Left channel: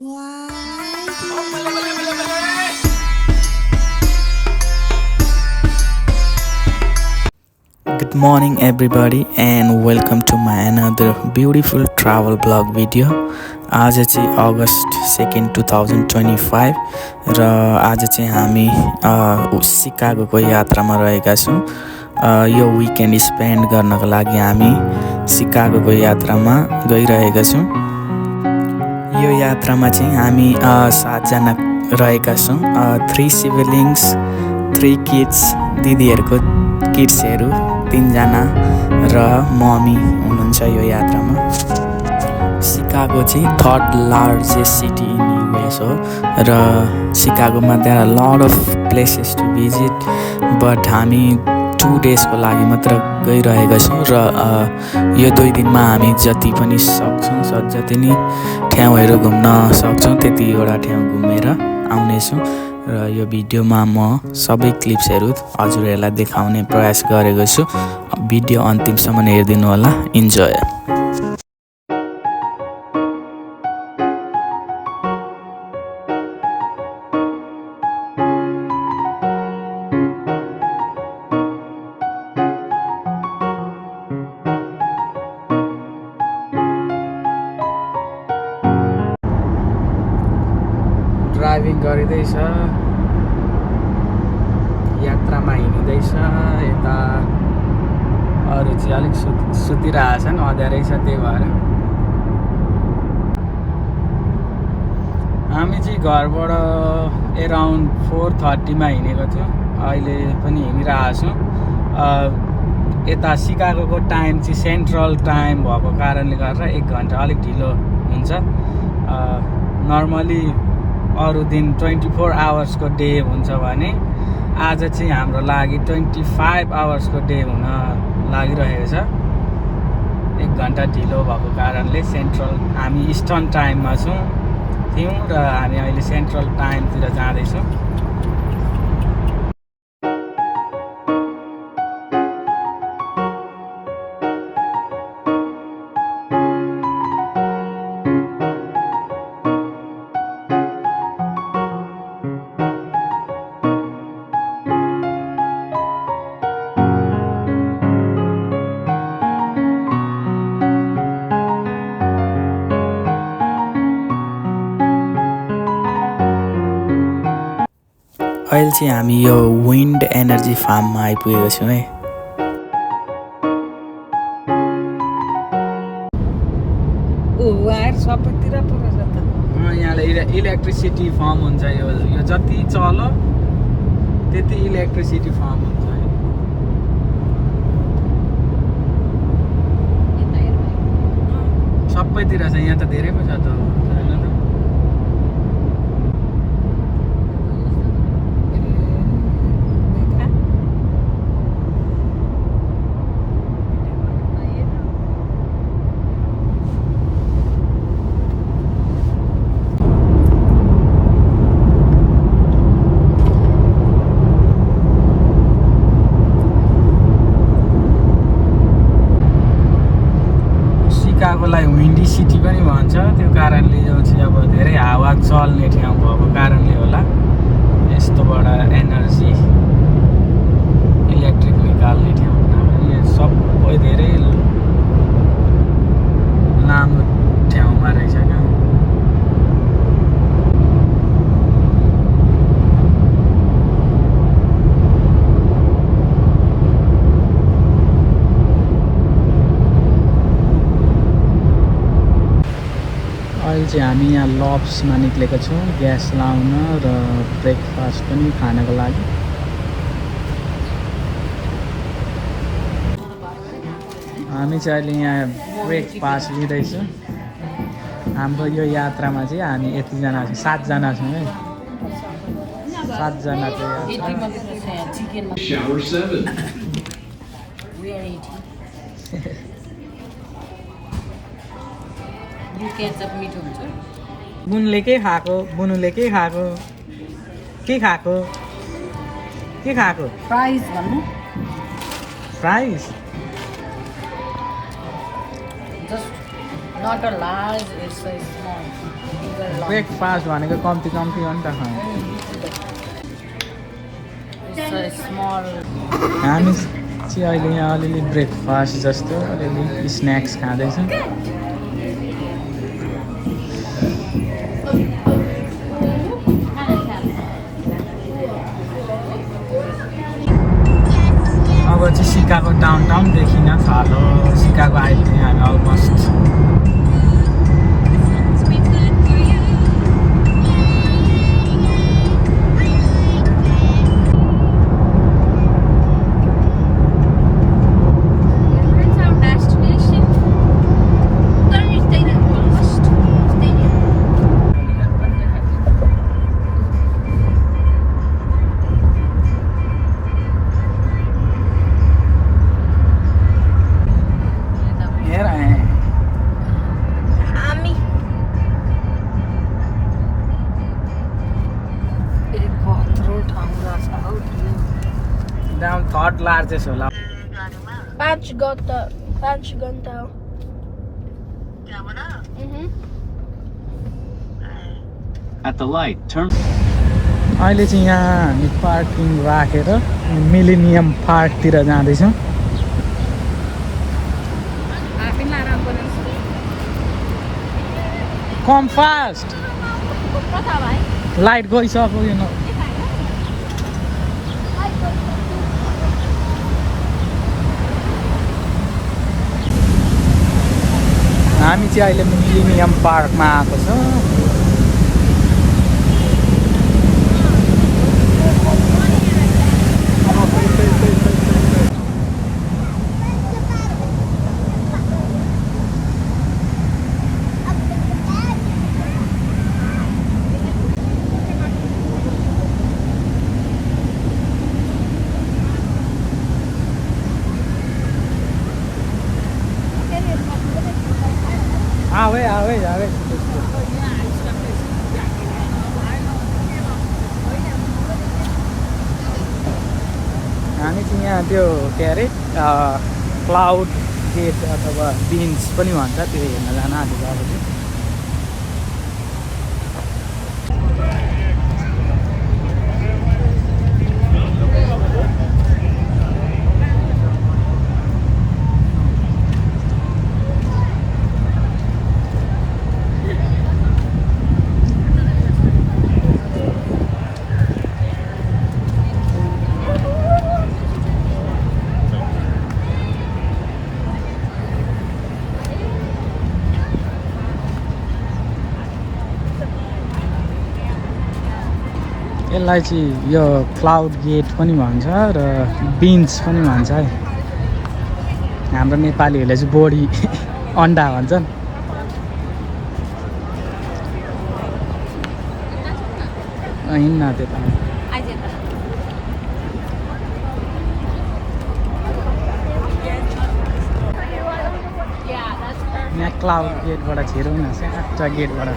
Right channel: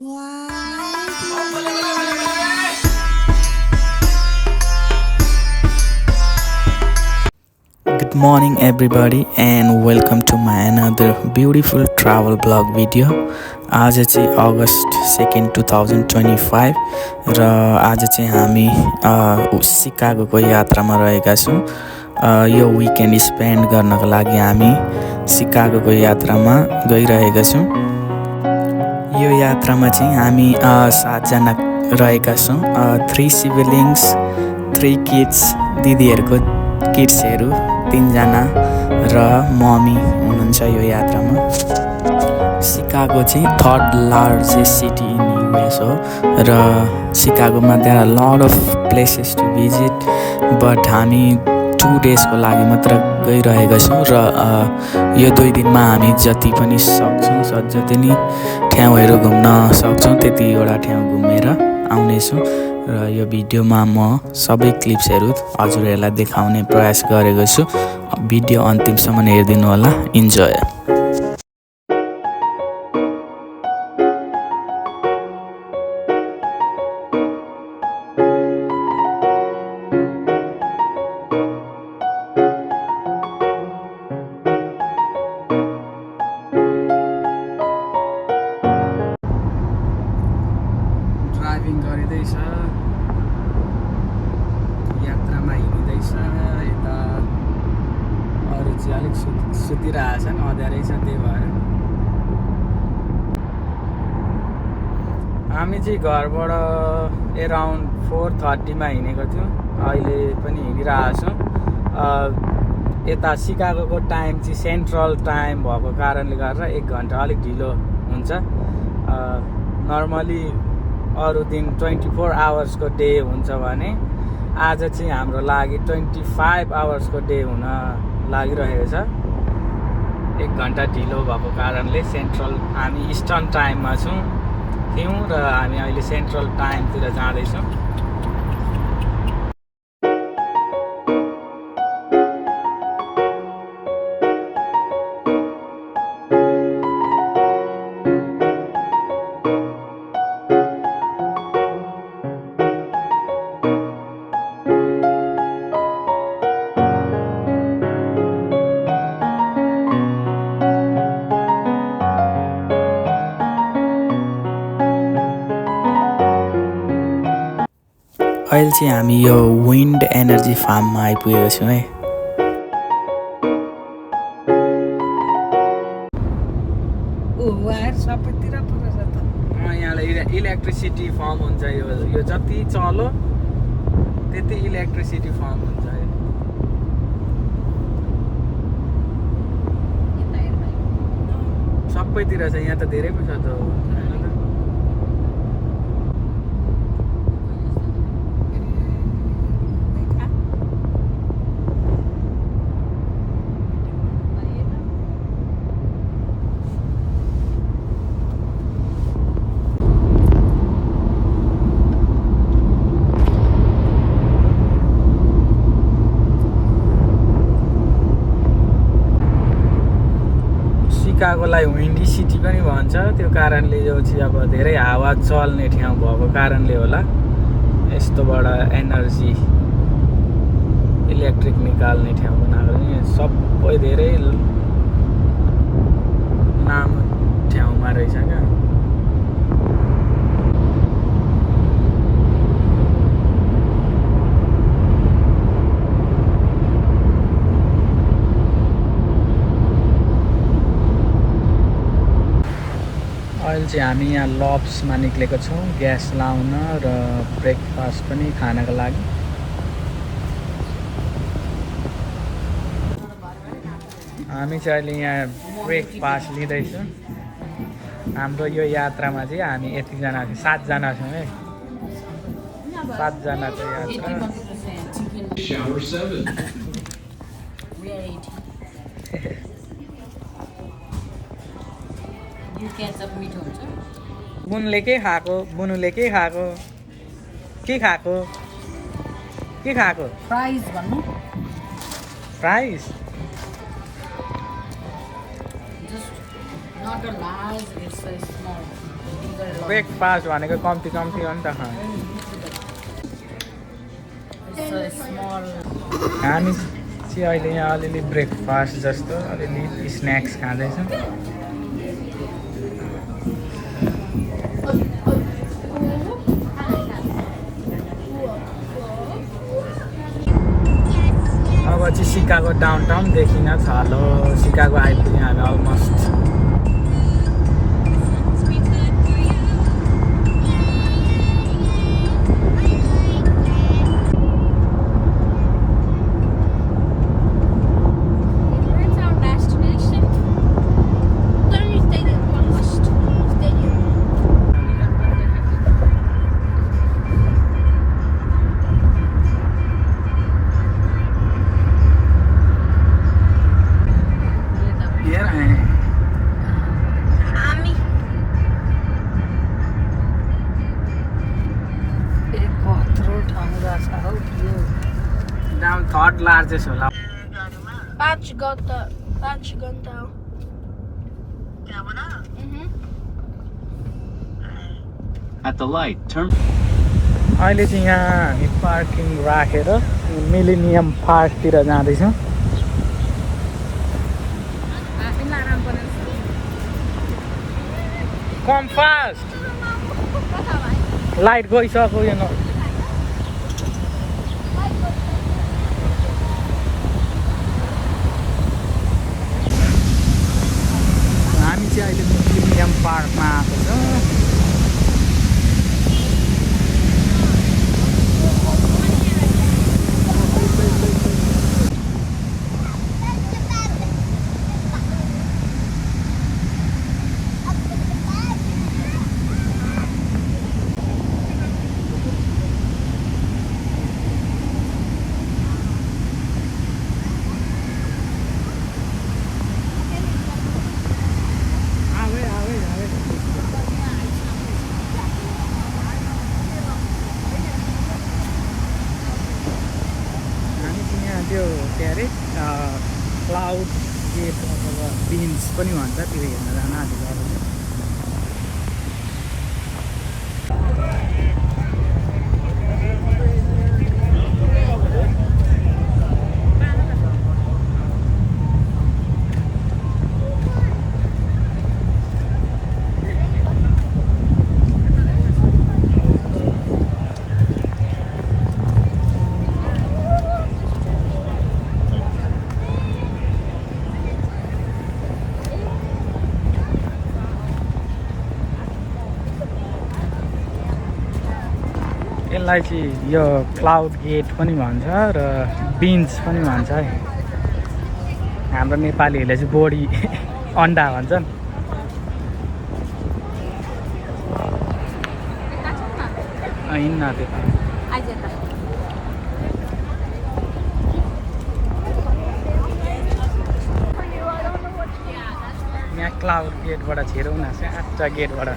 Good morning everybody and welcome to my another beautiful travel blog video. आज चाहिँ अगस्त 2 2025 र आज चाहिँ हामी सिकागोको यात्रामा रहेका छौँ। यो विकेन्ड स्पेन्ड गर्नको लागि हामी सिकागोको यात्रामा गइरहेका छौँ। यो यात्रामा चाहिँ हामी 7 जना रहेका छौँ। 3 सिबलिङ्स, 3 किड्स, दिदीहरूको किड्सहरू 3 जना र मम्मी हुनुहुन्छ यो यात्रामा। सिकागो चाहिँ 3rd largest city in US हो र सिकागोमा there are lot of places to visit, but हामी 2 डेजको लागि मात्र गइरहेका छौँ र यो 2 दिनमा हामी जति पनि सक्छौँ जति नै ठाउँहरू घुम्न सक्छौँ त्यतिवटा ठाउँ घुमेर आउनेछौँ र यो भिडियोमा म सबै क्लिप्सहरू हजुरहरूलाई देखाउने प्रयास गरेको छु। भिडियो अन्तिमसम्म हेरिदिनु होला। इन्जोय। ड्राइभिङ गरिँदैछ, यात्रामा हिँड्दैछ। यता अरू चाहिँ अलिक सुतिरहेछन्, अँध्यारै छ, त्यही भएर हामी चाहिँ घरबाट एराउन्ड 4:30मा हिँडेको थियौँ। अहिले पनि हिँडिरहेछौँ। यता सिकागोको टाइम चाहिँ सेन्ट्रल टाइम भएको कारणले गर्दा 1 घन्टा अलिक ढिलो हुन्छ। नर्मली अरू दिन 24 आवर्सको डे हुन्छ भने आज चाहिँ हाम्रो लागि 25 आवर्सको डे हुन लागिरहेको छ। 1 घन्टा ढिलो भएको कारणले हामी इस्टर्न टाइममा थियौँ र हामी अहिले सेन्ट्रल टाइमतिर जाँदैछौँ। अहिले चाहिँ हामी यो विन्ड एनर्जी फार्ममा आइपुगेको छौँ है। यहाँले इलेक्ट्रिसिटी फर्म हुन्छ। यो जति चल्यो त्यति इलेक्ट्रिसिटी फर्म हुन्छ। सबैतिर छ, यहाँ त धेरै पो छ त। सिकागोलाई विन्डी सिटी पनि भन्छ। त्यो कारणले यो चाहिँ अब धेरै हावा चल्ने ठाउँ भएको कारणले होला यस्तोबाट एनर्जी इलेक्ट्रिक निकाल्ने ठाउँ पनि सबै धेरै लामो ठाउँमा रहेछ क्या। अहिले चाहिँ हामी यहाँ लप्समा निक्लेको छौँ ग्यास लाउन र ब्रेकफास्ट पनि खानको लागि। हामी चाहिँ अहिले यहाँ ब्रेकफास्ट लिँदैछौँ। हाम्रो यो यात्रामा चाहिँ हामी यतिजना छौँ, 7 जना छौँ है। 7 जना चाहिँ बुनुले के खाएको प्राइस भन्नु price just not a large, it's a small, bigger lot. Breakfast भनेको कम्ती हो नि त खानु It's a small. हामी चाहिँ अहिले यहाँ अलिअलि ब्रेकफास्ट जस्तो अलिअलि स्न्याक्स खाँदैछौँ अब चाहिँ सिकागो डाउनटाउन देखिन थालो सिकागो आइपुग्यौँ हामी अलमोस्ट थर्ड लार्जेस्ट होला 5 घन्टा At the light, turn. अहिले चाहिँ यहाँ हामी पार्किङ राखेर मिलेनियम पार्कतिर जाँदैछौँ कम फास्ट लाइट गइसक्यो यो हामी चाहिँ अहिले मिलेनियम पार्कमा आएको छौँ आवे हामी चाहिँ यहाँ त्यो के अरे क्लाउड गेट अथवा बिन्स पनि भन्छ त्यो हेर्न जान आँटेको अब चाहिँ यसलाई चाहिँ यो क्लाउड गेट पनि भन्छ र बिन्स पनि भन्छ है हाम्रो नेपालीहरूले चाहिँ बोडी अन्डा भन्छन् हिँड्न त्यता यहाँ क्लाउड गेटबाट छिरौँ न साँच्चा गेटबाट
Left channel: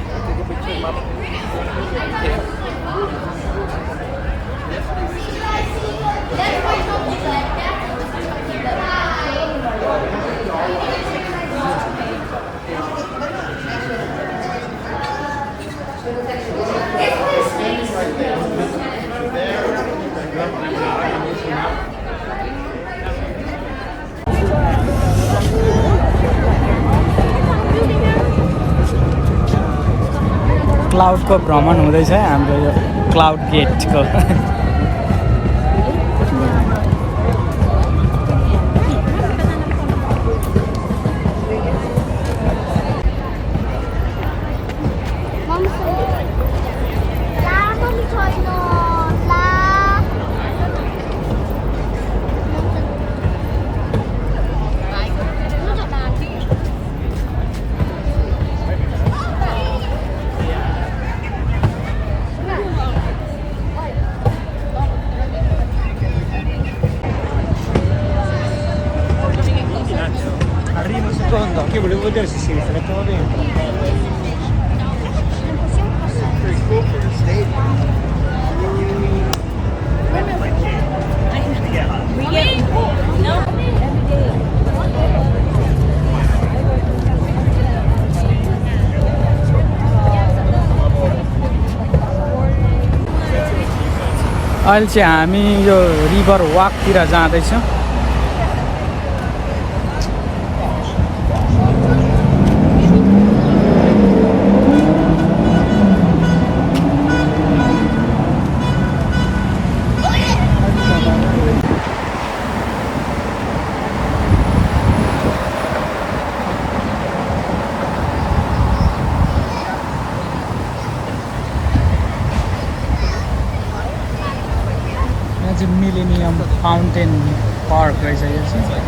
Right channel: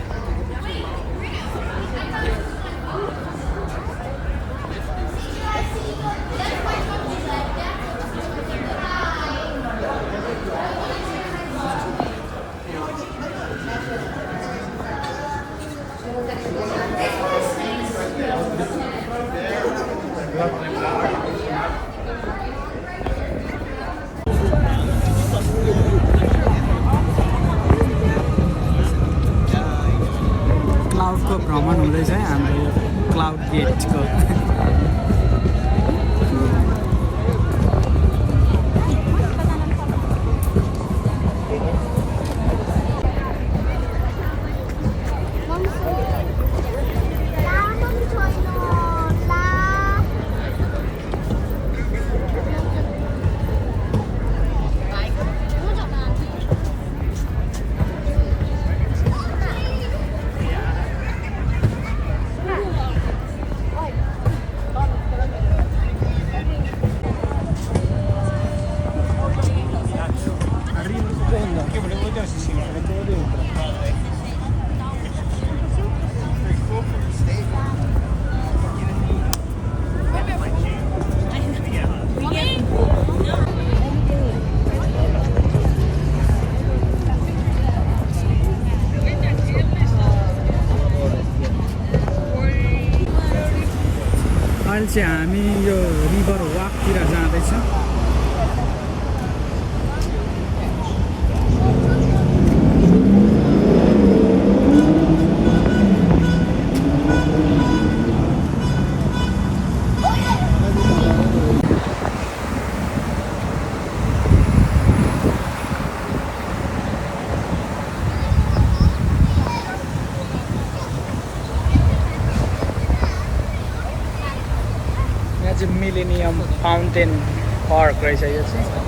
क्लाउडको भ्रमण हुँदैछ हाम्रो यो क्लाउड गेटको अहिले चाहिँ हामी यो रिभर वाकतिर जाँदैछौँ। मिलेनियम फाउन्टेन पार्क रहेछ यो चाहिँ।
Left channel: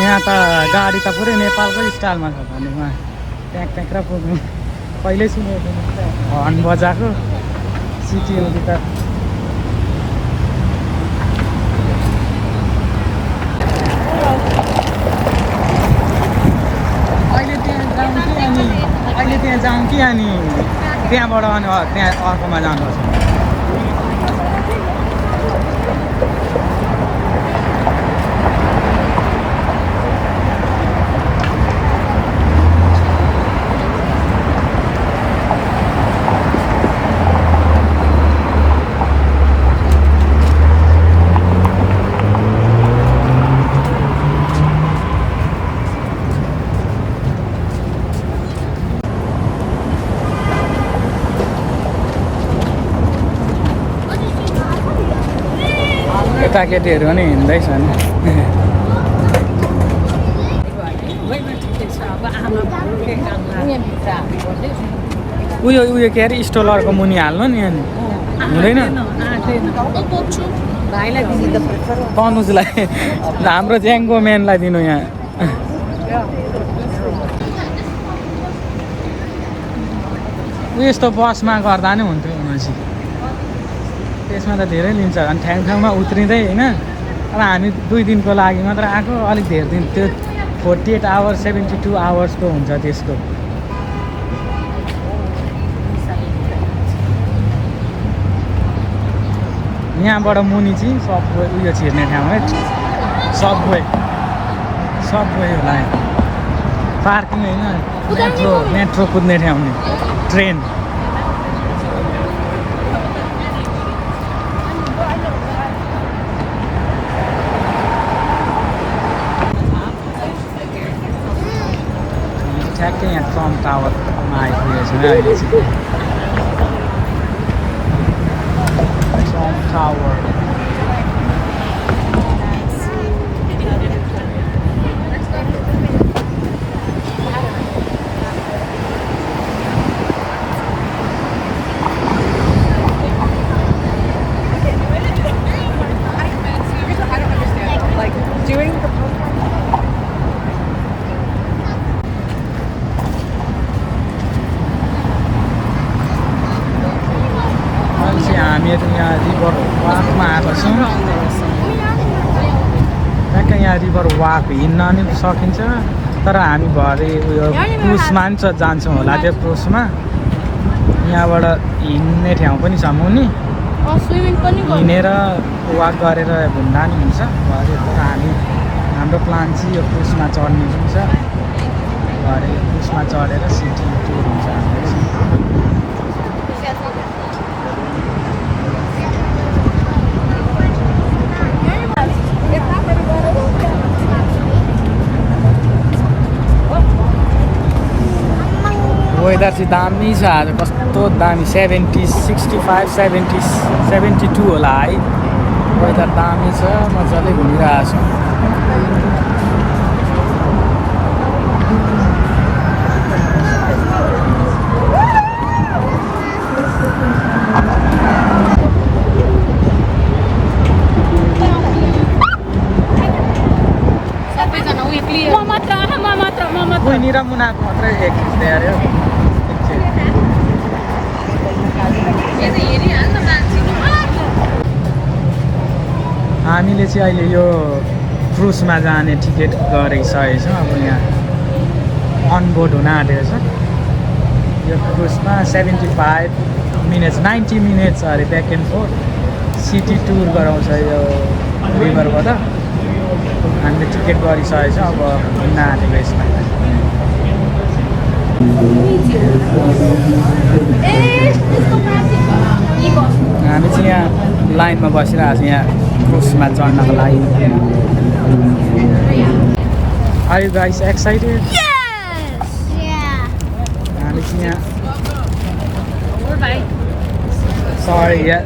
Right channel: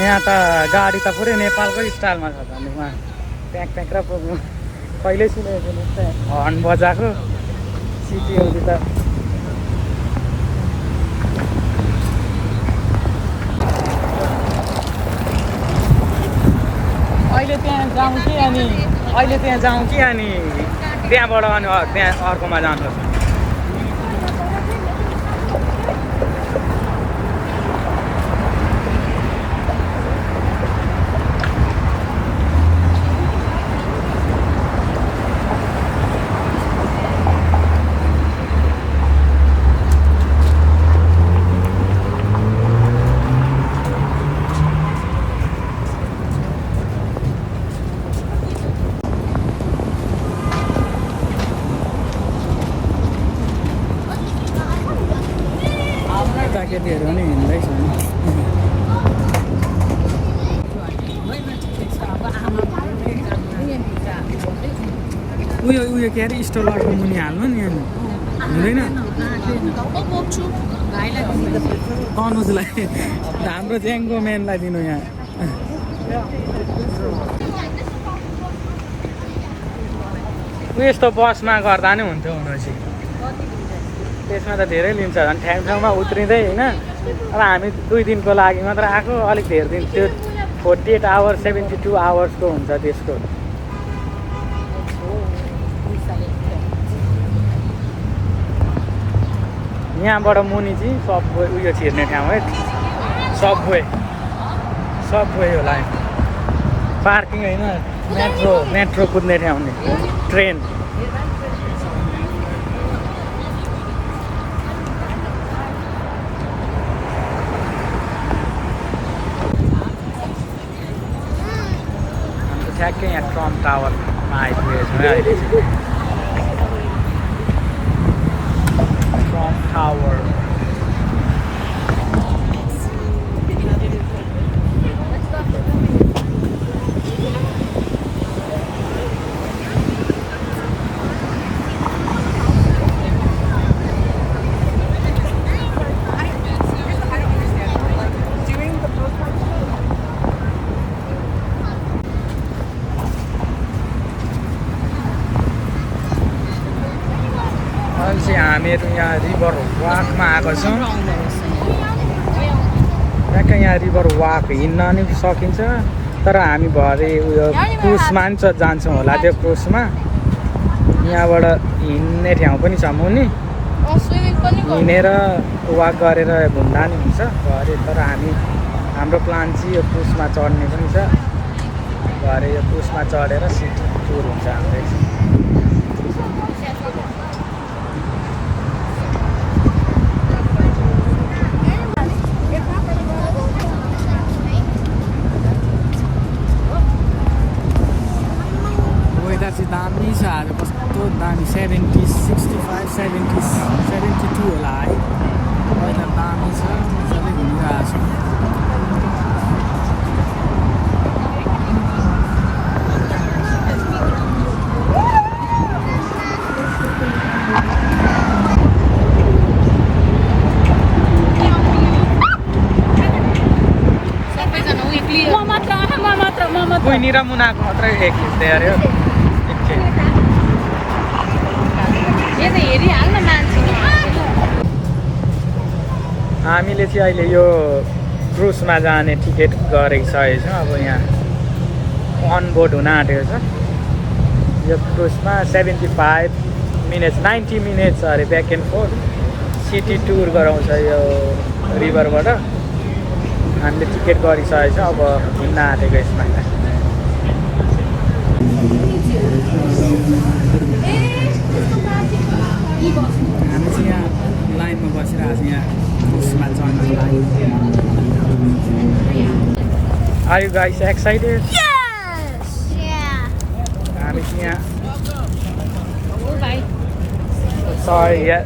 यहाँ त गाडी त पुरै नेपालकै स्टाइलमा छ भनेमा ट्याक ट्याक र कुद्नु कहिल्यै सुनेको हर्न बजाएको सिटीहरूतिर। अहिले त्यहाँ जाउँ कि अनि त्यहाँबाट अनि त्यहाँ अर्कोमा जानुपर्छ। केटाकेटीहरू पनि हिँड्दैछन्। उयो के अरे स्टोलरको मुनि हाल्नु नि अनि हुँदैन तनुजलाई हाम्रो ज्याङको म्यानलाई दिनु यहाँ। यस्तो बसमा गर्दा नि हुन्थ्यो भनेपछि त्यसमा त धेरै लिन्छ अनि ठाउँमा उत्रिँदै होइन। अब हामी 2 दिनको लागि मात्र आएको, अलिक धेरै दिन त्यो 48 आवर्स 72 आवर्सको हुन्छ त्यसको। यहाँबाट मुनि चाहिँ सबवे उयो छिर्ने ठाउँ हो, सबवे होला पार्किङ होइन, मेट्रो कुद्ने ठाउँ ट्रेन। ठ्याक्कै यहाँ ट्रम्प टावर आइपुगेको छ अहिले चाहिँ। ट्रम्प टावर हामीहरू यहाँ रिभर वाकमा आएको छौँ। ठ्याक्कै यहाँ रिभर वाक हिँड्न नि सकिन्छ, तर हामी भरे उयो क्रुजमा पनि जान्छौँ होला। त्यो क्रुजमा यहाँबाट हिँड्ने ठाउँ पनि छ मुनि, हिँडेर वाक गरेर घुम्दा नि हुन्छ भरे। तर हाम्रो प्लान चाहिँ यो क्रुजमा चढ्ने पनि छ भरे। यो क्रुजमा चढेर सिटी टुर हुन्छ हाम्रो। वेदर चाहिँ दामी छ आज, कस्तो दामी 70, 65, 70, 72 होला है। वेदर दामी छ, मजाले घुमिरहेको छ। कोही र मुनाको मात्रै एक खिच्दै अरे हामीले चाहिँ अहिले यो क्रुजमा जाने टिकट गरिसकेको छ अब यहाँ अनबोर्ड हुन आँटेको छ यो क्रुजमा 75 मिनट्स 90 मिनट्स अरे ब्याक एन्ड फोर्थ सिटी टुर गराउँछ यो रिभरबाट हामीले टिकट गरिसकेको छ अब हुन आँटेको यसमा हामी चाहिँ यहाँ लाइनमा बसिरहेको छ यहाँ क्रुजमा चढ्नको लागि Are you guys excited? Yes! Yeah. Sorry, yeah.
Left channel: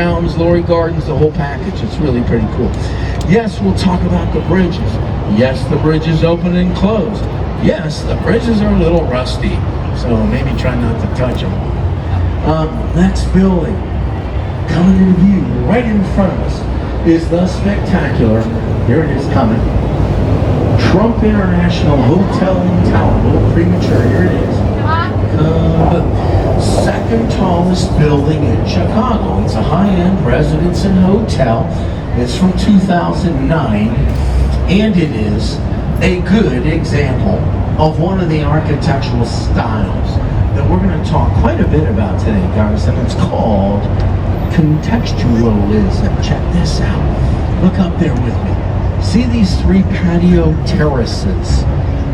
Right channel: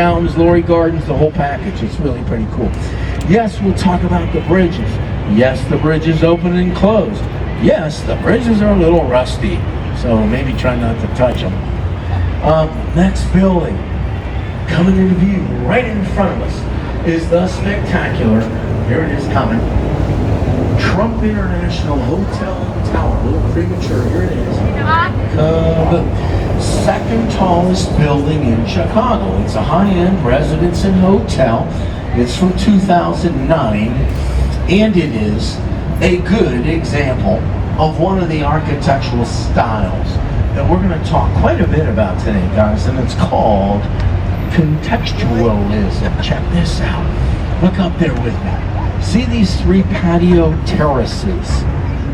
Fountains, Lorry Gardens, the whole package. It's really pretty cool. Yes, we'll talk about the bridges. Yes, the bridges open and closed. Yes, the bridges are a little rusty, so maybe try not to touch them. Next building coming in view right in front of us is the spectacular, here it is coming, Trump International Hotel and Tower. Premature, here it is. The second tallest building in Chicago. It's a high-end residence and hotel. It's from 2009, and it is a good example of one of the architectural styles that we're going to talk quite a bit about today, guys, and it's called contextualism. Check this out. Look up there with me. See these three patio terraces?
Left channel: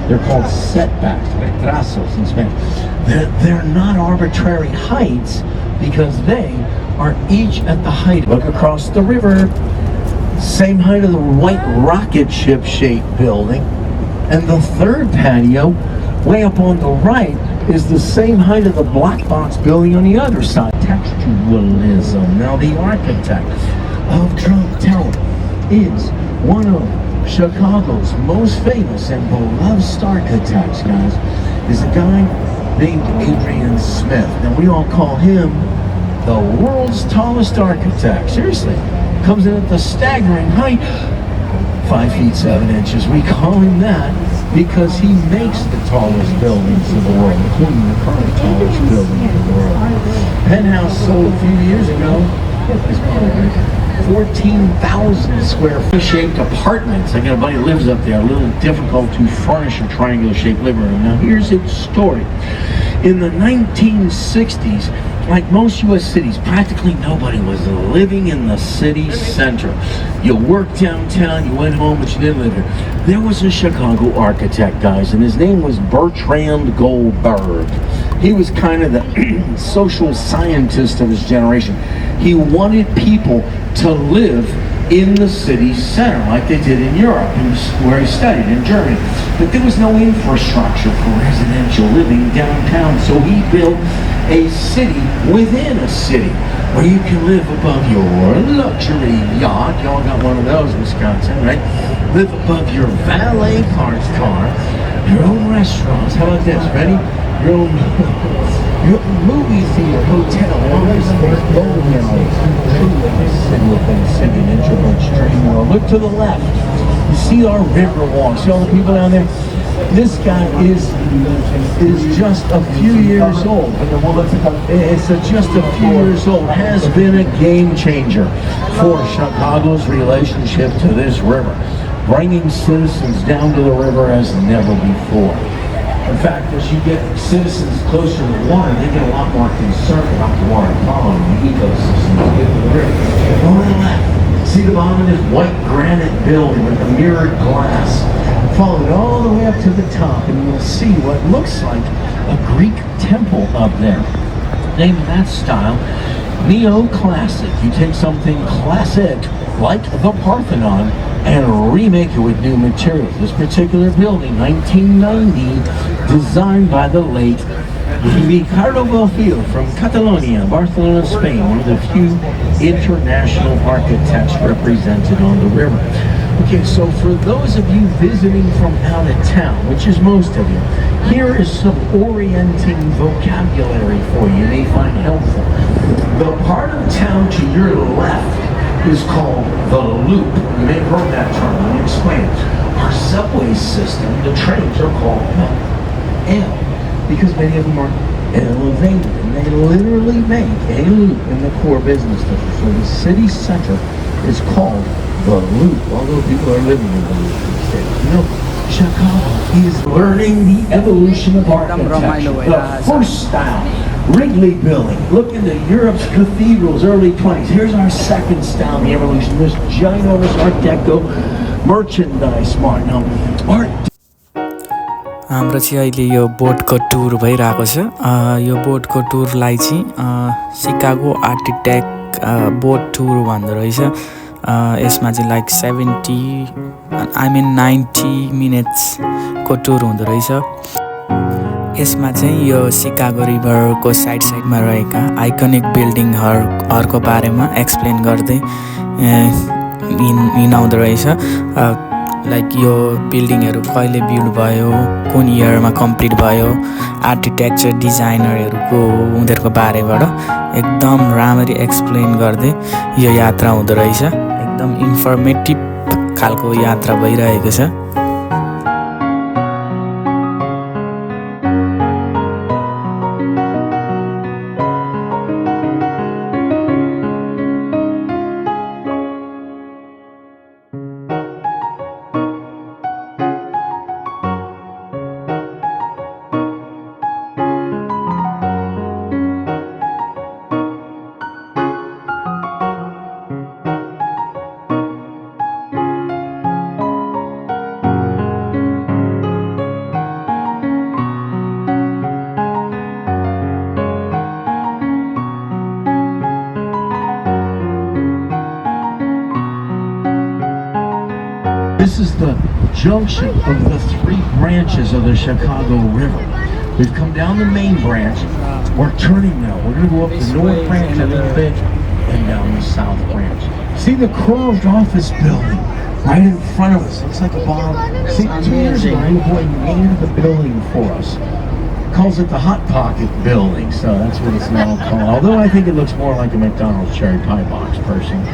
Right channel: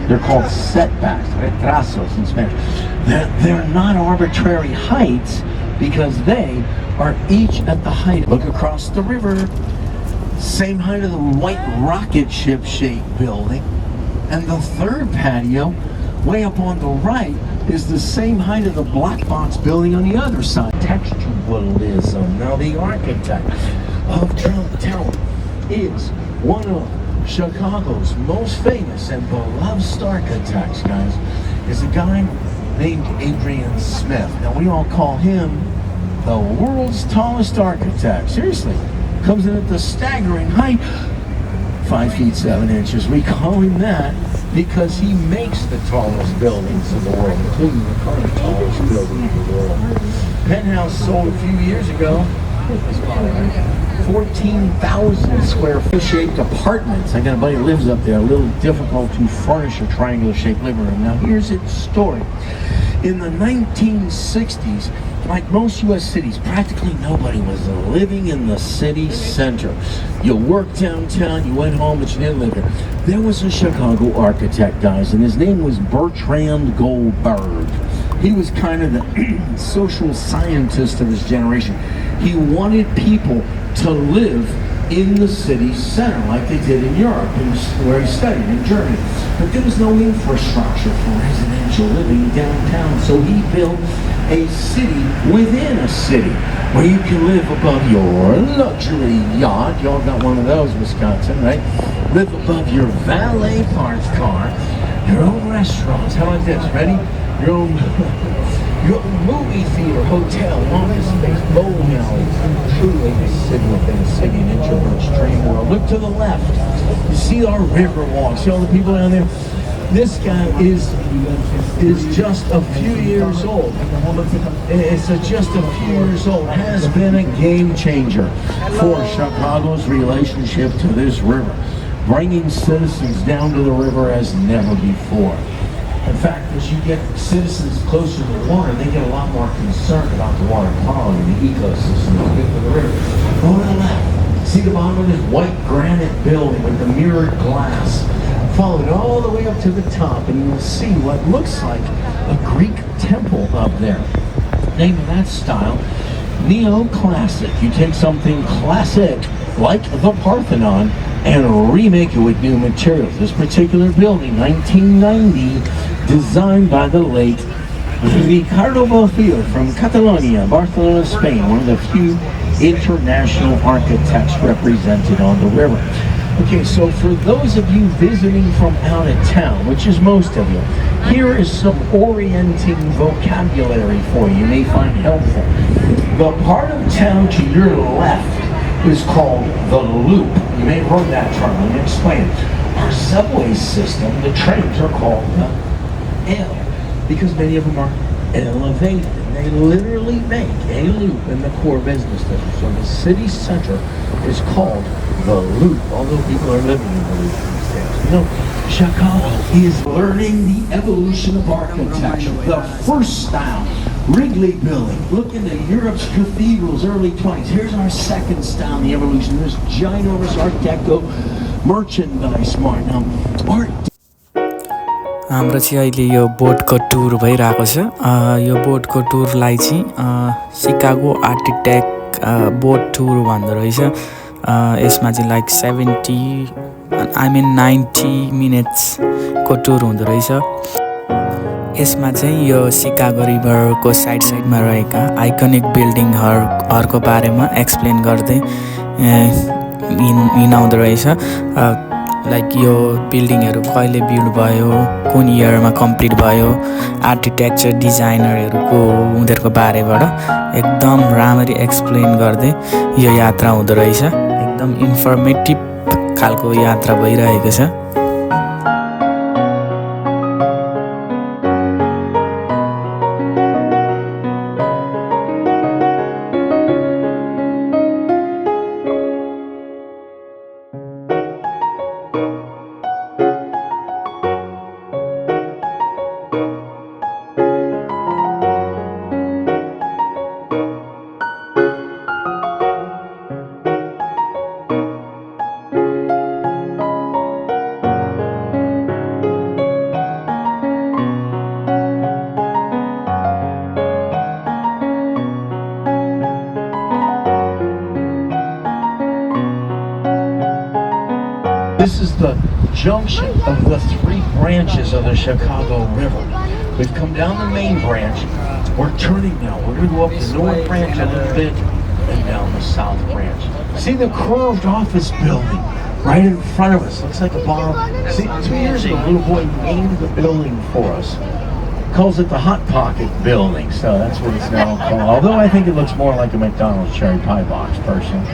They're called setbacks, retrasos in Spanish. They're not arbitrary heights because they are each at the height. Look across the river, same height of the white rocket ship shaped building. And the third patio, way up on the right, is the same height of the black box building on the other side. Textualism. Now the architect of Trump Tower is one of Chicago's most famous and beloved architects, guys, is a guy named Adrian Smith. Now we all call him the world's tallest architect. Seriously, comes in at the staggering height, 5 feet 7 inches. We call him that because he makes the tallest buildings in the world, including the current tallest building in the world. Penthouse sold a few years ago. Get this part right. 14,000 square foot shaped apartments. I got a buddy who lives up there. A little difficult to furnish a triangular shaped living room. Now here's its story. In the 1960s, like most U.S. cities, practically nobody was living in the city center. You worked downtown, you went home, but you didn't live here. There was a Chicago architect, guys, and his name was Bertrand Goldberg. He was kind of the social scientist of his generation. He wanted people to live in the city center like they did in Europe, where he studied in Germany. But there was no infrastructure for residential living downtown, so he built a city within a city where you can live above your luxury yacht. Y'all got one of those, Wisconsin, right? Live above your valet parked car, your own restaurants. How about this? Ready? Your own movie theater, hotel, city within a city, an introvert's dream world. Look to the left. You see our river walk. See all the people down there? This guy is just a few years old. It's just a few years old. Has been a game changer for Chicago's relationship to this river, bringing citizens down to the river as never before. In fact, as you get citizens closer to the water, they get a lot more concerned about the water quality and the ecosystem. Get to the river. Go to the left. See the bottom of this white granite building with the mirrored glass. Follow it all the way up to the top, and you'll see what looks like a Greek temple up there. Name of that style, neoclassic. You take something classic like the Parthenon and remake it with new materials. This particular building, 1990, designed by the late Ricardo Bofill from Catalonia, Barcelona, Spain, one of the few international architects represented on the river. Okay, so for those of you visiting from out of town, which is most of you, here is some orienting vocabulary for you may find helpful. The part of town to your left is called the Loop. You may have heard that term. Let me explain it. Our subway system, the trains are called L because many of them are elevated. And they literally make a loop in the core business district. So the city center is called the Loop, although people are living in the Loop. No, Chicago is learning the evolution of architecture. The first style, Wrigley Building. Look into Europe's cathedrals, early 20s. Here's our second style, the evolution. This ginormous Art Deco merchandise mart. Now, art. हाम्रो चाहिँ अहिले यो बोटको टुर भइरहेको छ यो बोटको टुरलाई चाहिँ Chicago architect boat टुर भन्दो रहेछ यसमा चाहिँ लाइक 90 मिनट्सको टुर हुँदो रहेछ यसमा चाहिँ यो सिकागो रिभरको साइडमा रहेका आइकनिक बिल्डिङहरूको बारेमा एक्सप्लेन गर्दै हिँडाउँदो रहेछ लाइक यो बिल्डिङहरू कहिले बिल्ड भयो कुन इयरमा कम्प्लिट भयो आर्किटेक्चर डिजाइनरहरूको उनीहरूको बारेबाट एकदम राम्ररी एक्सप्लेन गर्दै यो यात्रा हुँदो रहेछ एकदम इन्फर्मेटिभ खालको यात्रा भइरहेको छ This is the junction of the three branches of the Chicago River. We've come down the main branch. We're turning now. We're going to go up the north branch a little bit and down the south branch. See the curved office building right in front of us? Looks like a bar. See, 2 years ago, Blue Boy named the building for us. Calls it the Hot Pocket Building, so that's what it's now called. Although I think it looks more like a McDonald's cherry pie box, personally.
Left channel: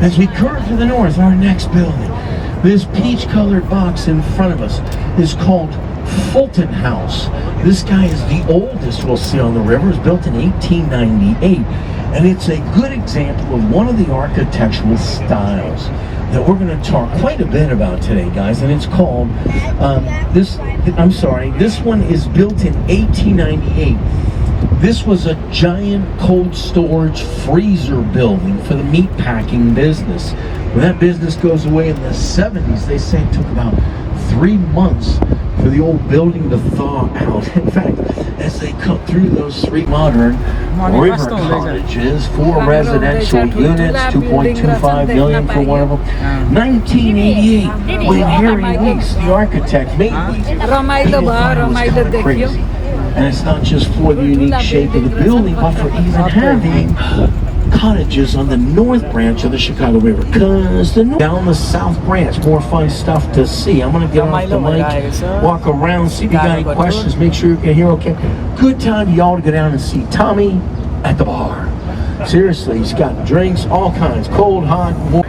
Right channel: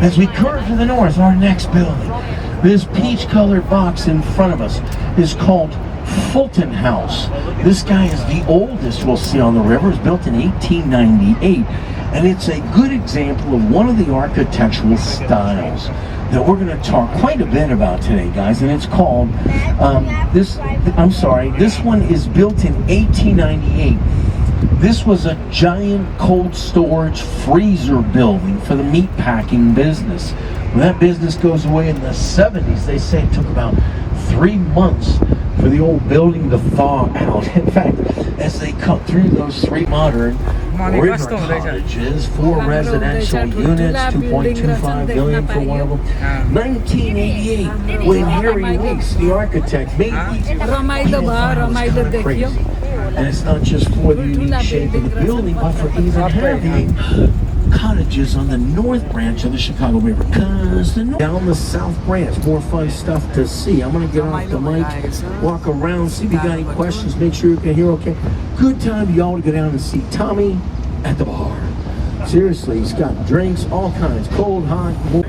As we curve to the north, our next building. This peach-colored box in front of us is called Fulton House. This guy is the oldest we'll see on the river. It was built in 1898. And it's a good example of one of the architectural styles that we're going to talk quite a bit about today, guys. And it's called, this one is built in 1898. This was a giant cold storage freezer building for the meatpacking business. When that business goes away in the 70s, they say it took about 3 months for the old building to thaw out. In fact, as they cut through those 3 modern river cottages, 4 residential units, $2.25 million for one of them. 1988, when Harry Weeks, the architect, made these crazy. And it's not just for the unique shape of the building, but for even having cottages on the north branch of the Chicago River. Because down the south branch, more fun stuff to see. I'm going to get off the mic, walk around, see if you got any questions, make sure you can hear okay. Good time y'all to go down and see Tommy at the bar. Seriously, he's got drinks, all kinds, cold, hot, warm.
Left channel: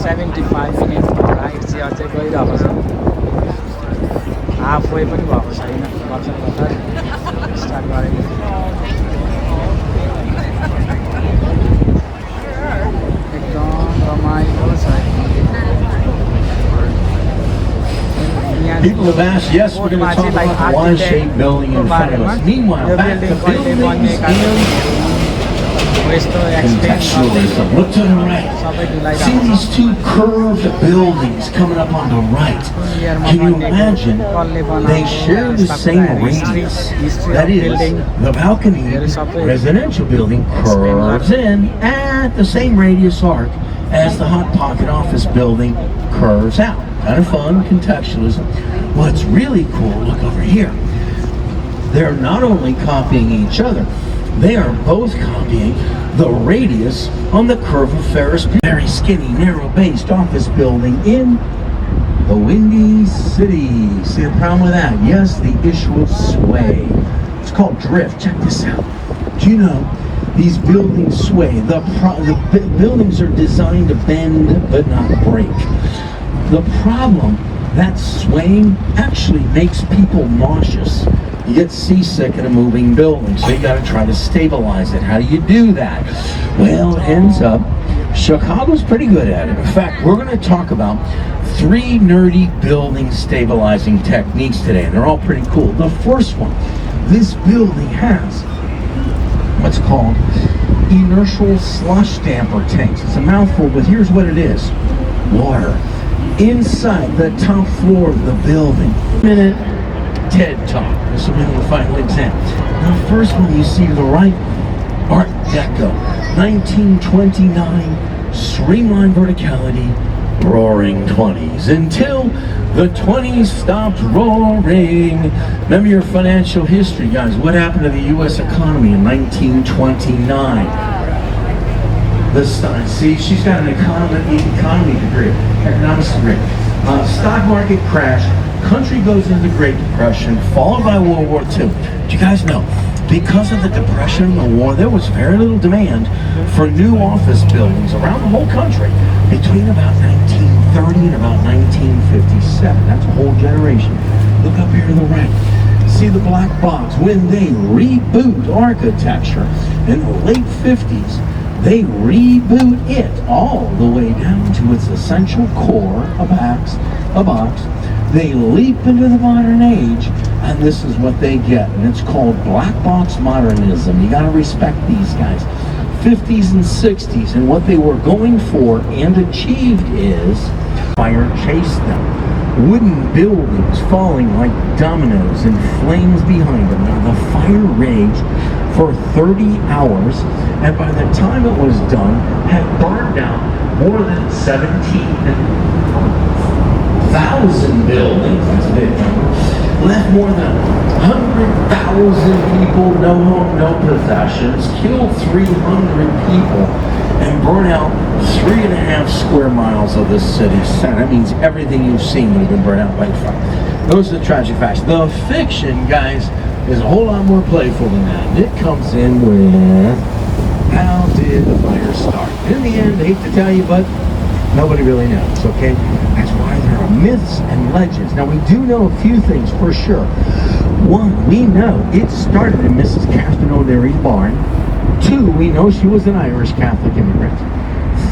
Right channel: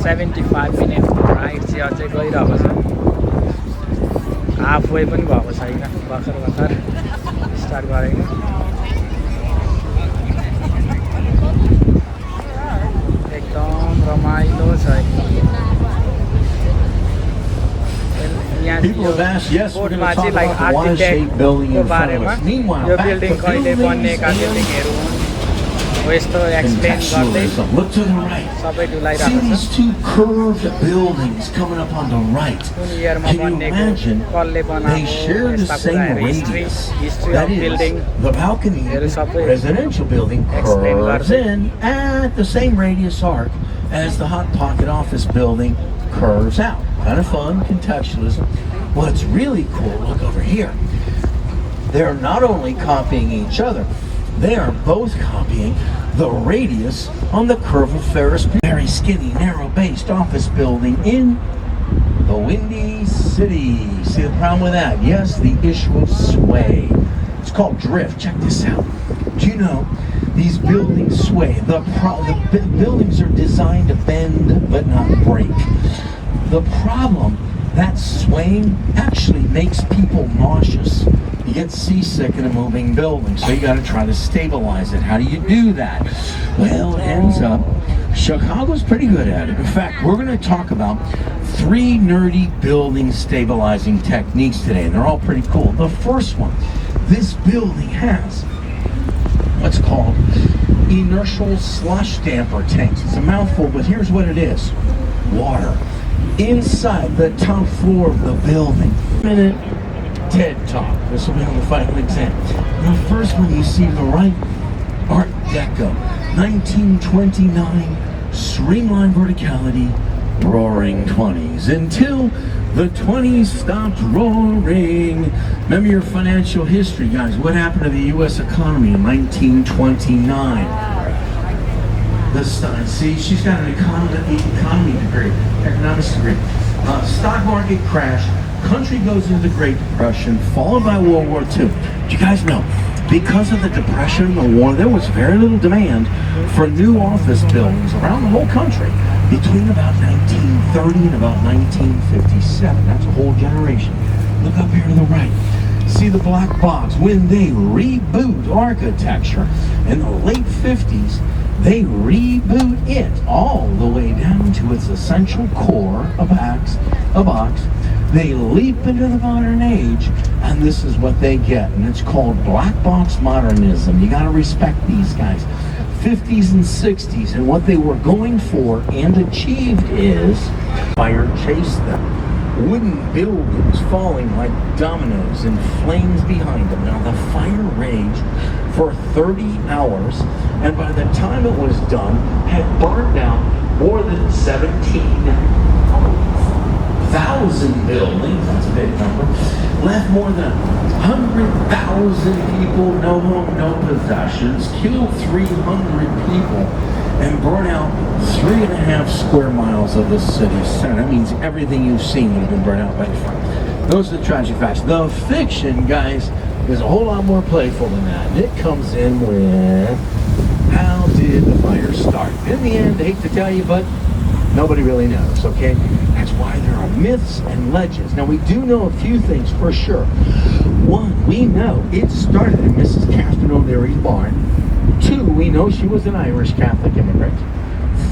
75 minute ride चाहिँ अझै गइरहेको छ half way पनि भएको छैन भर्खर start गरेको एकदम रमाइलो छ यहाँ People have asked, yes, we're going to talk about the Y-shaped building in front of us. Meanwhile, back to buildings यस्तो explain contextualism. Look to the right. See these two curved buildings coming up on the right. Can you imagine? They share the same radius. That is, the balcony residential building curves in at the same radius arc as the Hot Pocket office building curves out. Kind of fun, contextualism. What's really cool, look over here. They're not only copying each other, they are both copying the radius on the curve of Ferris Bueller. Very skinny, narrow-based office building in the Windy City. See the problem with that? Yes, the issue of sway. It's called drift. Check this out. Do you know these buildings sway? The buildings are designed to bend but not break. The problem, that swaying actually makes people nauseous. You get seasick in a moving building, so you got to try to stabilize it. How do you do that? Well, it ends up, Chicago's pretty good at it. In fact, we're going to talk about 3 nerdy building stabilizing techniques today, and they're all pretty cool. The first one, this building has what's called inertial slush damper tanks. It's a mouthful, but here's what it is. Water inside the top floor of the building. TED Talk. This will be the final exam. The first one you see to the right, Art Deco, 1929, streamlined verticality, roaring 20s, until the 20s stopped roaring. Remember your financial history, guys. What happened to the U.S. economy in 1929? See, she's got an economy degree, economics degree. Stock market crash. Country goes into the Great Depression, followed by World War II. Do you guys know, because of the Depression and the war, there was very little demand for new office buildings around the whole country between about 1930 and about 1957. That's a whole generation. Look up here to the right. See the black box? When they reboot architecture in the late 50s, they reboot it all the way down to its essential core, a box. They leap into the modern age, and this is what they get, and it's called black box modernism. You got to respect these guys. 50s and 60s, and what they were going for and achieved is fire chased them. Wooden buildings falling like dominoes and flames behind them. Now the fire raged for 30 hours, and by the time it was done, had burned out more than 17,000 buildings. That's a big number. Left more than 100,000 people, no home, no possessions, killed 300 people, and burned out 3.5 square miles of the city center. That means everything you've seen would have been burned out by fire. Those are the tragic facts. The fiction, guys, is a whole lot more playful than that. And it comes in with, how did the fire start? In the end, I hate to tell you, but nobody really knows, okay? That's why there are myths and legends. Now, we do know a few things for sure. One, we know it started in Mrs. Catherine O'Leary's barn. 2, we know she was an Irish Catholic immigrant.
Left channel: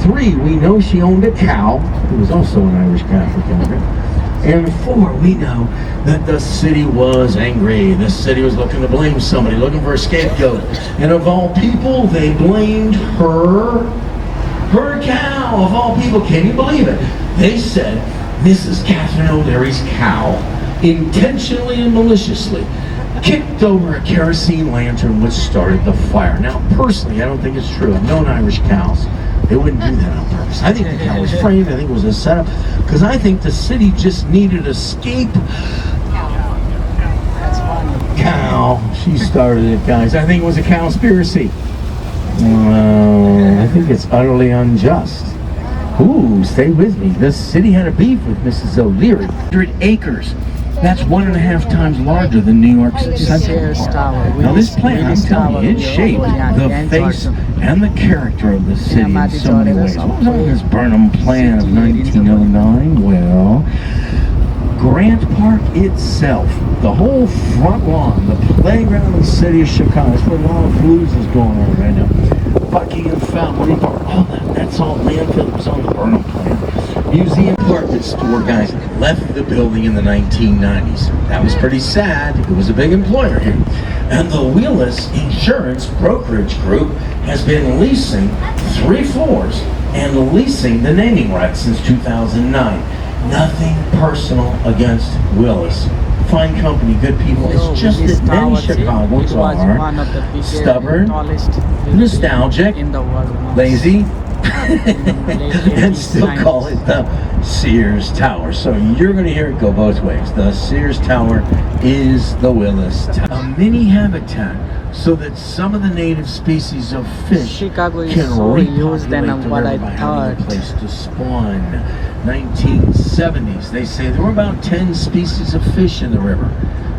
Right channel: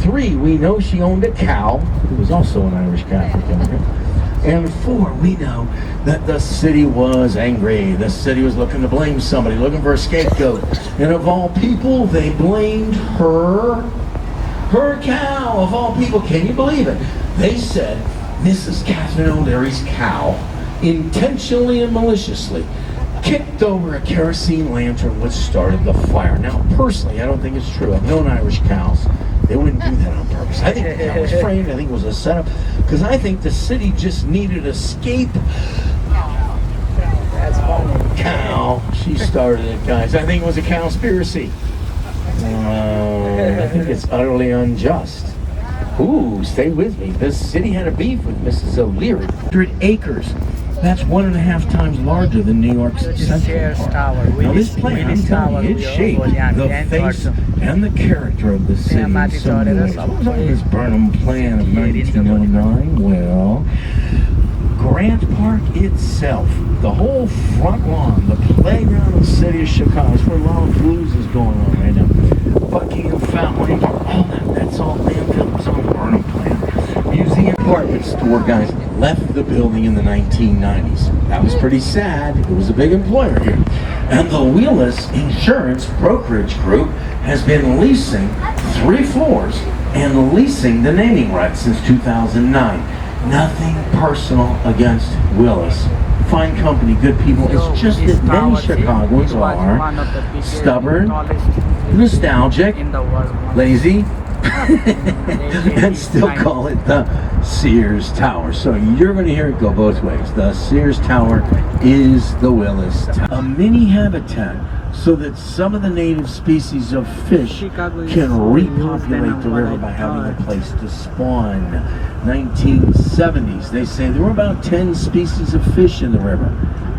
3, we know she owned a cow, who was also an Irish Catholic immigrant. And 4, we know that the city was angry. The city was looking to blame somebody, looking for a scapegoat. And of all people, they blamed her cow, of all people. Can you believe it? They said Mrs. Catherine O'Leary's cow intentionally and maliciously kicked over a kerosene lantern, which started the fire. Now, personally, I don't think it's true. I've known Irish cows. They wouldn't do that on purpose. I think the cow was framed. I think it was a setup. Because I think the city just needed a cow. She started it, guys. I think it was a cowspiracy. I think it's utterly unjust. Ooh, stay with me. The city had a beef with Mrs. O'Leary. 100 acres. That's 1.5 times larger than New York's Central Park. Now this plan, I'm telling you, it shaped the face and the character of the city in so many ways. What was on this Burnham plan of 1909? Well, Grant Park itself, the whole front lawn, the playground of the city of Chicago, that's where all the blues is going on right now. Buckingham Fountain, all that's all landfill. It was on the Burnham plan. Museum department store guys left the building in the 1990s. That was pretty sad. It was a big employer here. And the Willis Insurance Brokerage Group has been leasing 3 floors and leasing the naming rights since 2009. Nothing personal against Willis. Fine company, good people. It's just that many Chicagoans are stubborn, nostalgic, In the world. lazy, and still call it the Sears Tower. So you're going to hear it go both ways. The Sears Tower is the Willis Tower. A mini habitat so that some of the native species of fish Chicago is can so used repopulate than the what river I by having a thought. place to spawn. 1970s, they say there were about 10 species of fish in the river.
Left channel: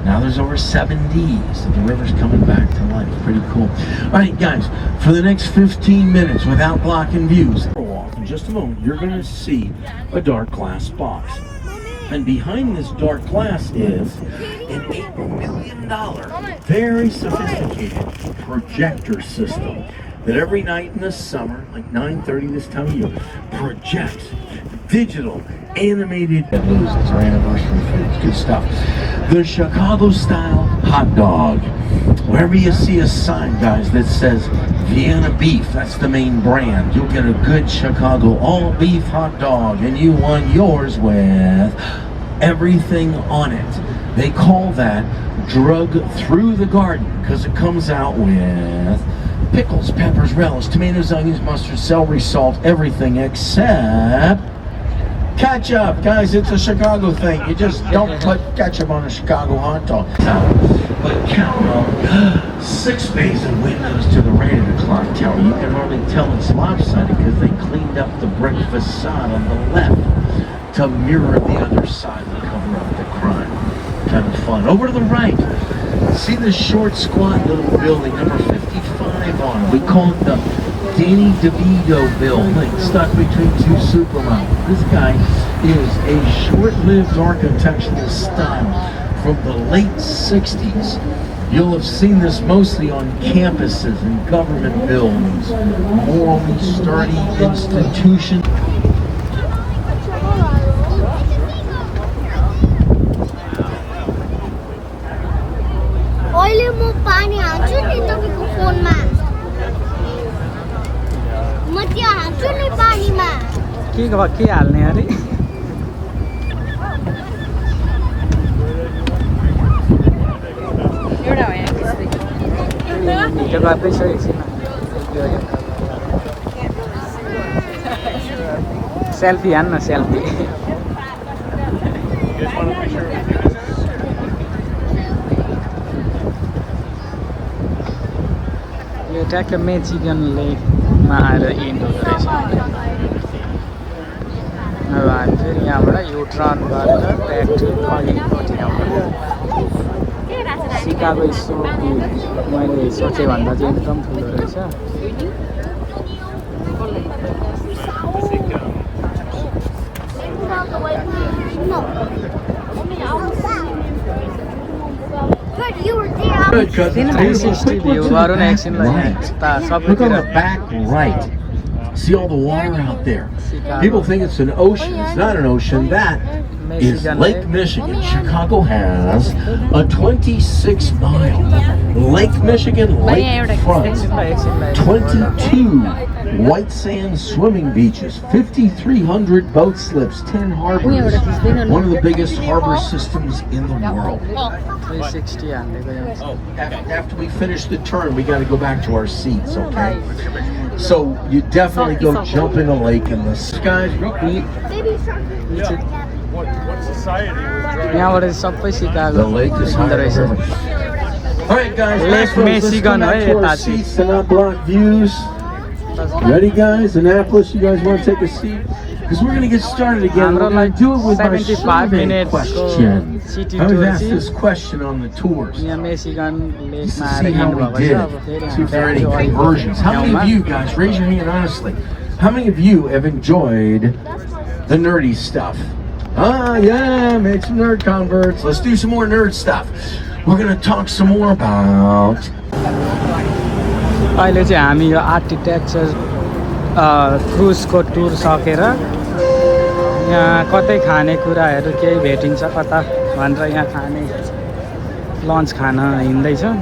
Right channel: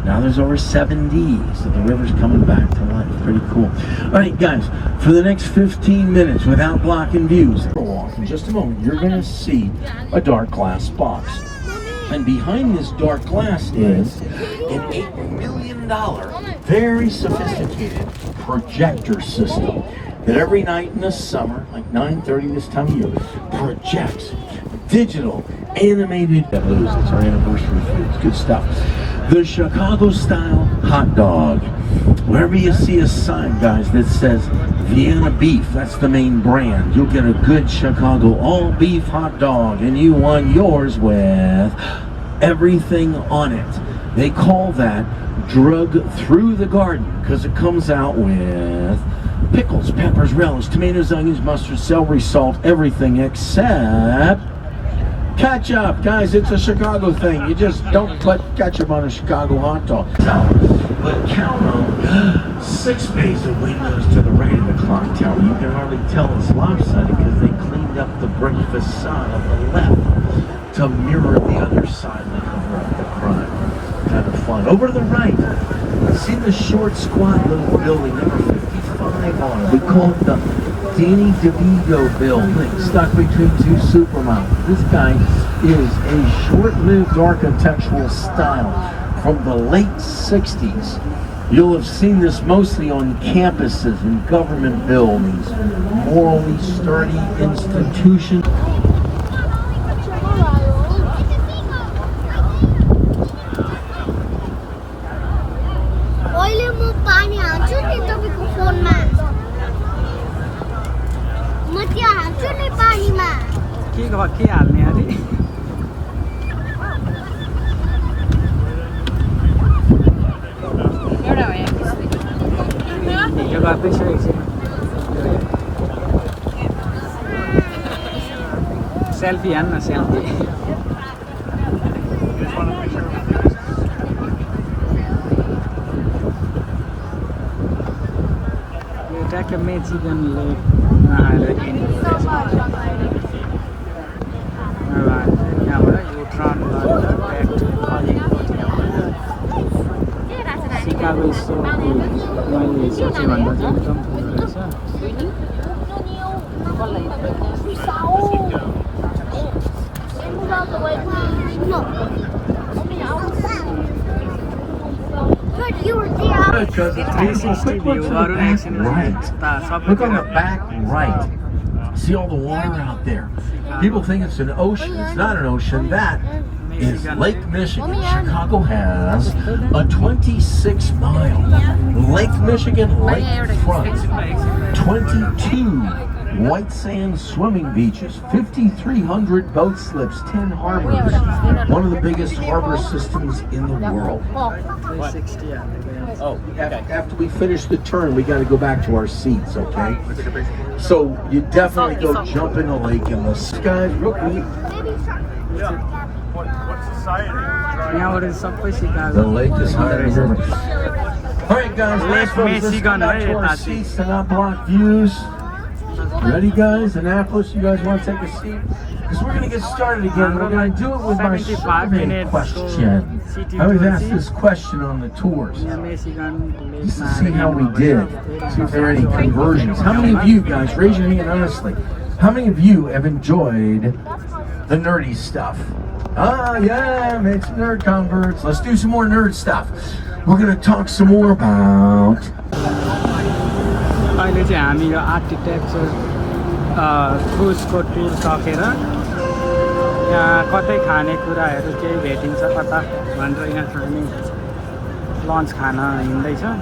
Now there's over 70, so the river's coming back to life. Pretty cool. All right, guys, for the next 15 minutes, without blocking views, in just a moment, you're going to see a dark glass box. And behind this dark glass is an $8 million, very sophisticated projector system that every night in the summer, like 9:30 this time of year, projects digital animated. It's our anniversary food. It's good stuff. The Chicago style hot dog. Wherever you see a sign, guys, that says Vienna beef, that's the main brand, you'll get a good Chicago all beef hot dog, and you want yours with everything on it. They call that drug through the garden because it comes out with pickles, peppers, relish, tomatoes, onions, mustard, celery, salt, everything except ketchup. Guys, it's a Chicago thing. You just don't put ketchup on a Chicago hot dog. But count on 6 bays of windows to the right of the clock tower. You can hardly tell it's lopsided because they cleaned up the brick facade on the left to mirror the other side and cover up the crime. Kind of fun. Over to the right, see the short, squat little building, number 55 on it. We call it the Danny DeVito building, stuck between 2 supermodels. This guy is a short-lived architectural style from the late 60s. You'll have seen this mostly on campuses and government buildings, morally sturdy institutions. अहिले म पानी हाल्छु नि तपाईँको फोनमा म त्यो हाल्छु नि पानीमा के हाल्ने अरे भिडियो गर्दैछ एकछिन सेल्फी हान्न सेल्फी यो ट्याक्क मेचिगन लेकमा आएर इन्ड हुँदो रहेछ अब हामी चाहिँ यहाँबाट यो टर्न गरेर सिकागो मैले सोचेँ भन्दा चाहिँ एकदम ठुलो रहेछ No. But you were there. Good, because it's 360 view गरौँ न एकछिन Look on सबैतिर the back right. See all the water out there. People think it's an ocean. It's not an ocean. That is Lake Michigan. Chicago has a 26-mile Lake Michigan lakefront. 22 white sand swimming beaches, 5,300 boat slips, 10 harbors. One of the biggest harbor systems in the world. 360 हाल्दै गयौँ Oh, after we finish the turn, we got to go back to our seats, okay? So you definitely go jump in the lake and the skies real quick. यहाँबाट सबै The Chicago lake is देखिँदो high. रहेछ All right, guys, Lake let's go Michigan, back to our right? seats and not block views. Ready, guys? Annapolis, you guys want to take a seat? Because we're going to get started again. We're going to do it with my 75 survey minutes question. city I always tour ask see. this question on the tours. यहाँ मेसिगन Just to लेकमा see how we did. See if there are any conversions. How many of you guys, raise your hand honestly, how many of you have enjoyed the nerdy stuff? Ah, yeah, make some nerd converts. Let's do some more nerd stuff. We're going to talk some more about... अहिले चाहिँ हामी यो architecture क्रुजको टुर सकेर यहाँ कतै खानेकुराहरू केही भेटिन्छ कता भनेर यहाँ खाने लन्च खान हिँड्दैछौँ।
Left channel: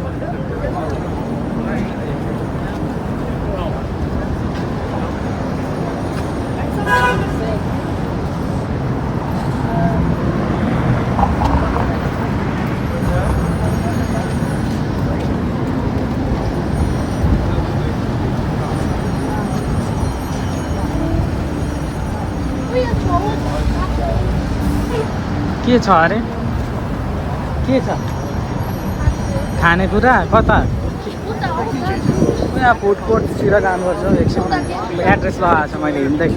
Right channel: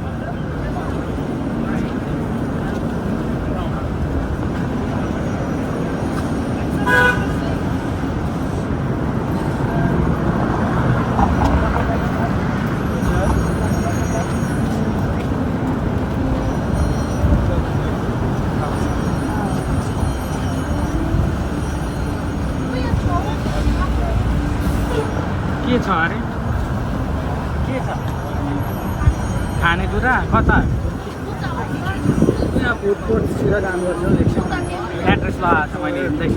के छ अरे के छ खानेकुरा कता यहाँ फुड कोर्टतिर जानुपर्छ एकछिन एड्रेस लगाएको छ मैले हिँड्दै।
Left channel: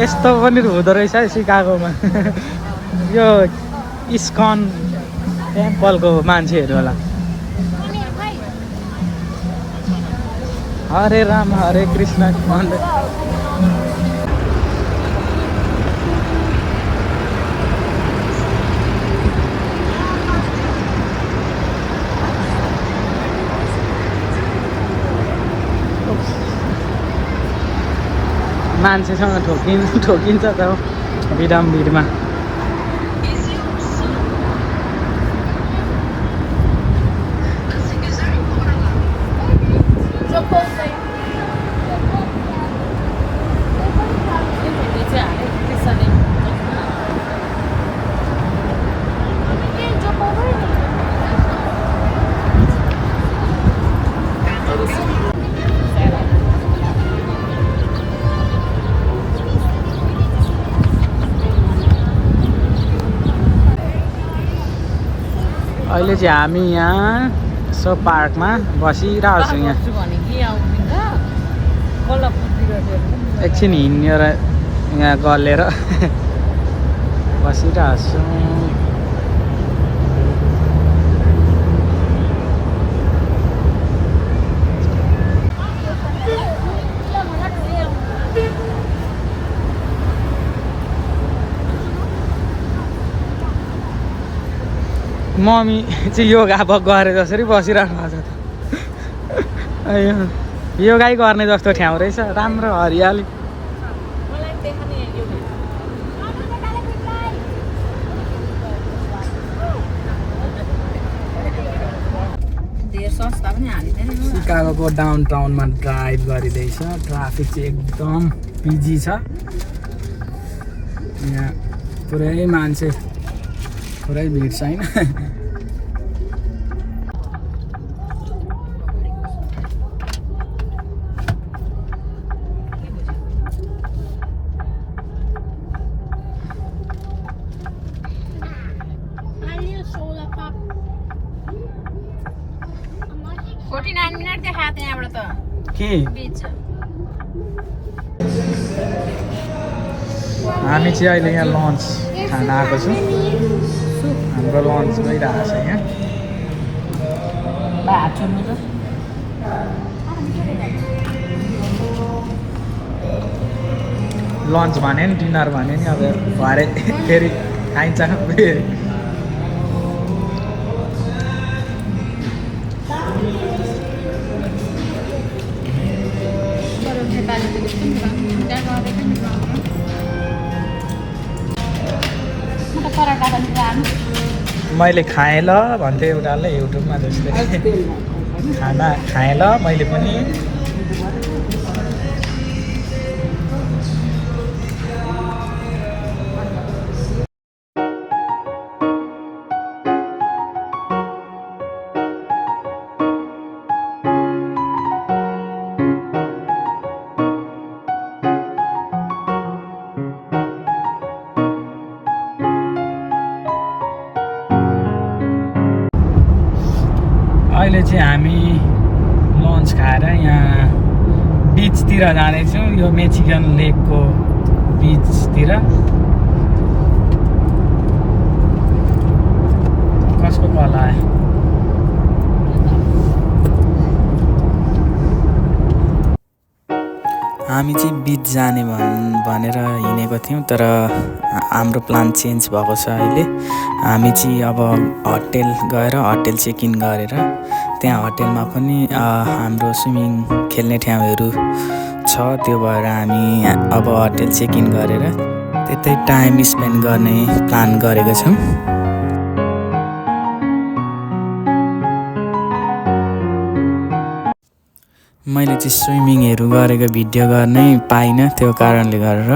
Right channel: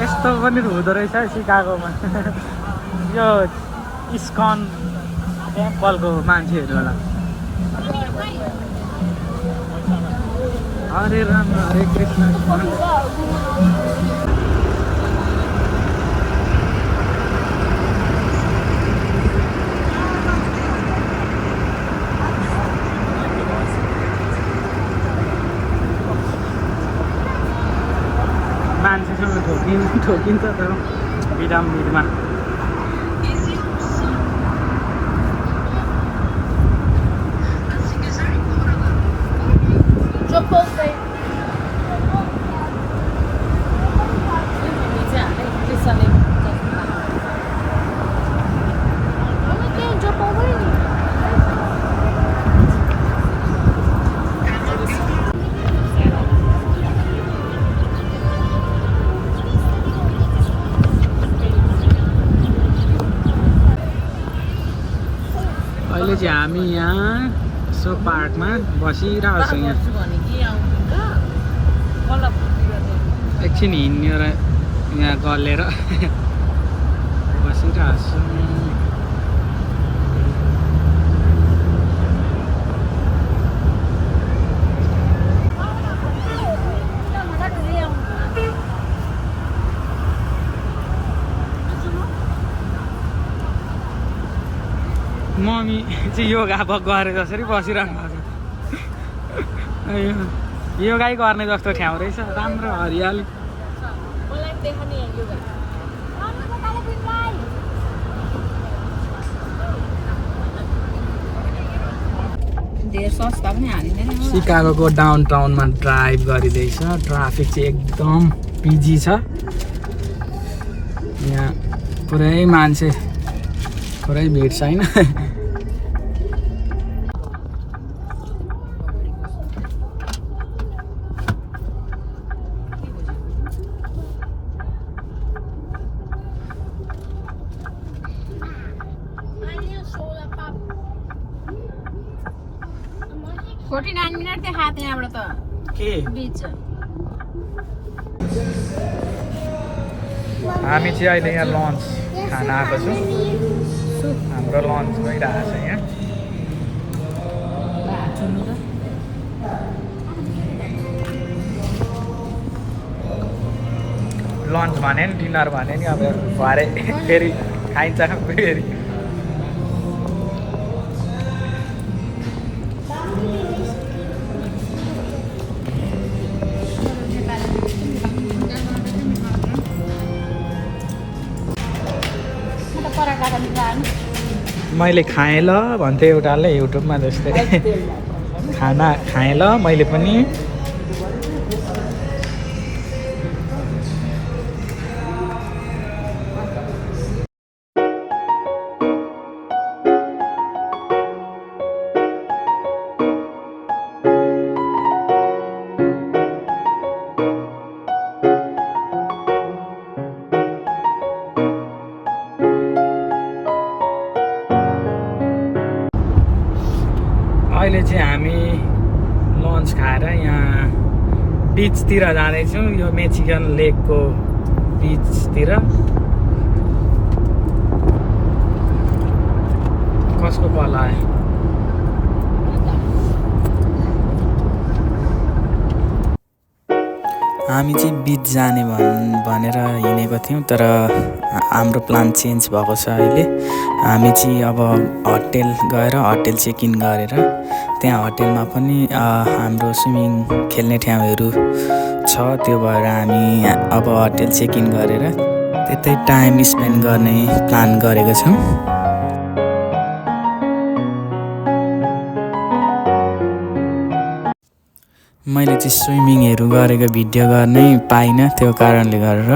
यस्तो पनि हुँदो रहेछ है सिकागोमा यो इस्कन टेम्पलको मान्छेहरू होला। हरे राम हरे कृष्ण मान्छेसँग ठोकिन्छ त बिडमा। अहिले चाहिँ हामी यहाँ सो पार्कमा बसिरहेको छौँ। यहाँ एकछिन हिँडेर यहाँ गलेर बसिरहेको छौँ। मम्मी चाहिँ योगा गरे जसरी बसिरहनु भएको छ। योगै गर्ने जस्तो ठाउँ रहेछ, राम्रो हरियाली। सिकागोको डाउन टाउनमा ड्राइभ गरिँदैछ। ट्राफिक चाहिँ एकदम बिजी छ। यहाँ पुरै मान्छे, पुरै भिड छैन। हामी चाहिँ अहिले यहाँ लन्च खान आएको छौँ। हाम्रो लन्च भइरहेको छ यहाँ। लन्च भने नि डिनर भने नि अब भरे फेरि खाइन्छ फेरि। मैले खाएँ ल भन्थ्यो एउटाले युट्युबमा जस्तै। खाना खाएँ ल मैले पनि। अहिले चाहिँ हामी लन्च खाएर यहाँ बिचतिर जाँदैछौँ यो मेचिगन लेकको बिचतिर कसको कल आयो हामी चाहिँ बिच जाने भनेर हिँडेको थियौँ तर हाम्रो प्लान चेन्ज भएको छ अहिले हामी चाहिँ अब होटेल गएर होटेल चेक इन गरेर त्यहाँ होटेलमा पनि हाम्रो स्विमिङ खेल्ने ठाउँहरू छ त्यो भएर हामी अब होटेल चेक इन गरेर त्यतै टाइम स्पेन्ड गर्ने प्लान गरेको छौँ मैले चाहिँ स्विमिङहरू गरेको भिडियो गर्नै पाइनँ त्यो कारणले गरेर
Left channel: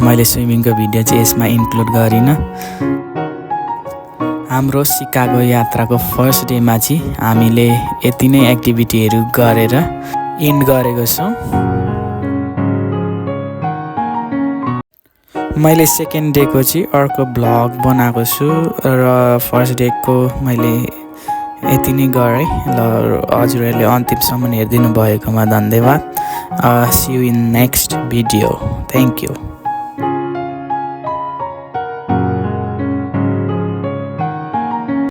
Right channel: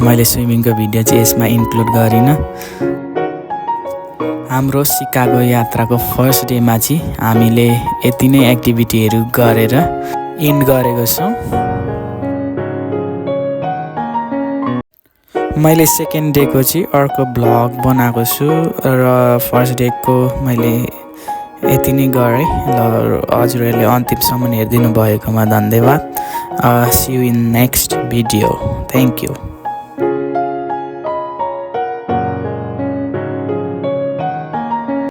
मैले स्विमिङको भिडियो चाहिँ यसमा इन्क्लुड गरिनँ हाम्रो सिकागो यात्राको फर्स्ट डेमा चाहिँ हामीले यति नै एक्टिभिटीहरू गरेर इन्ड गरेको छौँ मैले सेकेन्ड डेको चाहिँ अर्को ब्लग बनाएको छु र फर्स्ट डेको मैले यति नै गरेँ ल हजुरहरूले अन्तिमसम्म हेरिदिनु भएकोमा धन्यवाद see you in next video thank you